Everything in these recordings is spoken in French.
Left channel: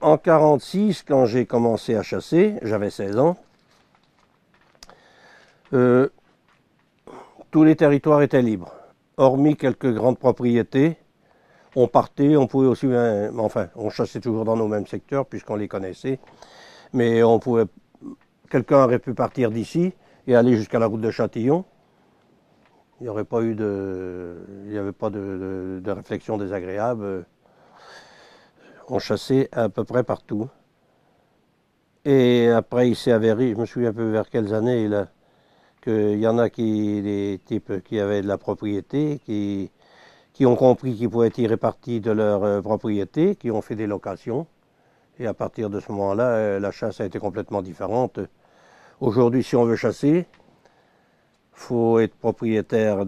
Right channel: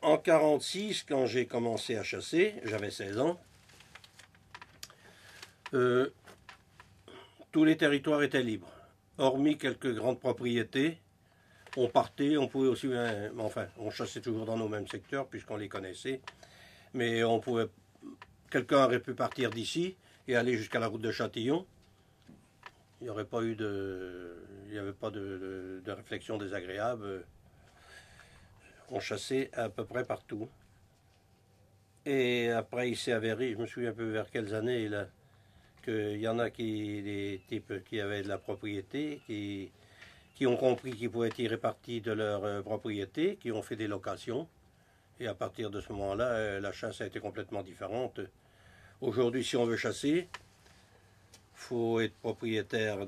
En 1946, quand j'ai commencé à chasser, j'avais 16 ans, euh, tous les territoires étaient libres, hormis quelques grandes propriétés. On partait, on pouvait aussi, enfin, on chassait toujours dans nos mêmes secteurs puisqu'on les connaissait, mais on pouvait, quelqu'un aurait pu partir d'ici et aller jusqu'à la route de Châtillon. Il n'y aurait pas eu il n'y avait pas de réflexion désagréable. On chassait à peu près partout. Et après, il s'est avéré, je me souviens un peu vers quelles années, là, qu'il y en a des types qui avaient de la propriété, qui ont compris qu'ils pouvaient tirer parti de leur propriété, qui ont fait des locations. Et à partir de ce moment-là, la chasse a été complètement différente. Aujourd'hui, si on veut chasser, il faut être propriétaire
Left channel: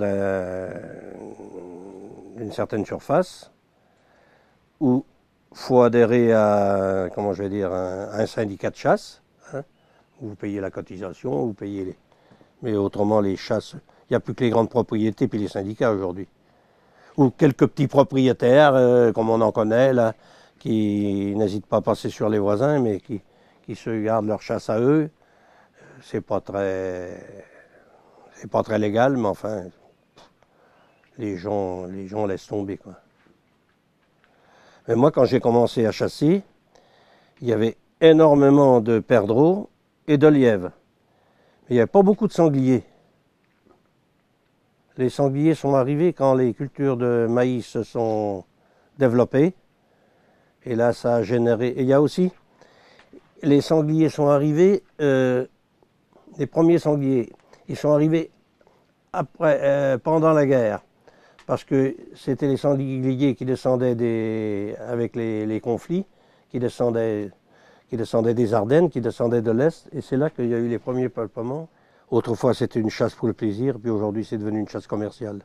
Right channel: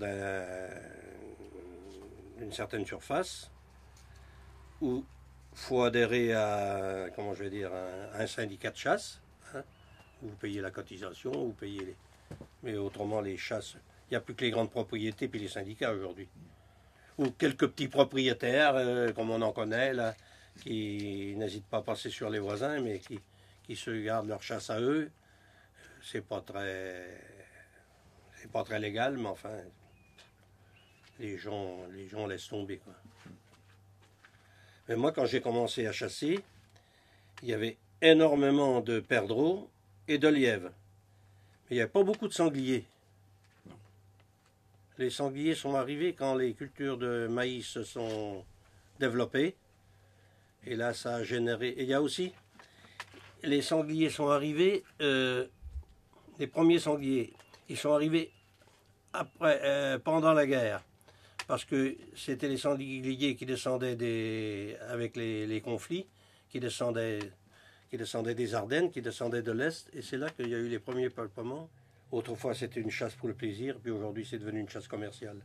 d'une certaine surface, ou faut adhérer à, comment je vais dire, un syndicat de chasse, hein, où vous payez la cotisation, vous payez les... Mais autrement, les chasses, il n'y a plus que les grandes propriétés puis les syndicats aujourd'hui. Ou quelques petits propriétaires, comme on en connaît, là, qui n'hésitent pas à passer sur les voisins, mais qui se gardent leur chasse à eux. C'est pas très, c'est pas très légal, mais enfin, les gens laissent tomber, quoi. Mais moi, quand j'ai commencé à chasser, il y avait énormément de perdreaux et de lièvres. Mais il n'y avait pas beaucoup de sangliers. Les sangliers sont arrivés quand les cultures de maïs se sont développées. Et là, ça a généré... Et il y a aussi... Les sangliers sont arrivés... les premiers sangliers, ils sont arrivés pendant la guerre. Parce que c'était les sangliers qui descendaient avec les conflits, qui descendaient des Ardennes, qui descendaient de l'Est. Et c'est là qu'il y a eu les premiers peuplements. Autrefois, c'était une chasse pour le plaisir, puis aujourd'hui, c'est devenu une chasse commerciale.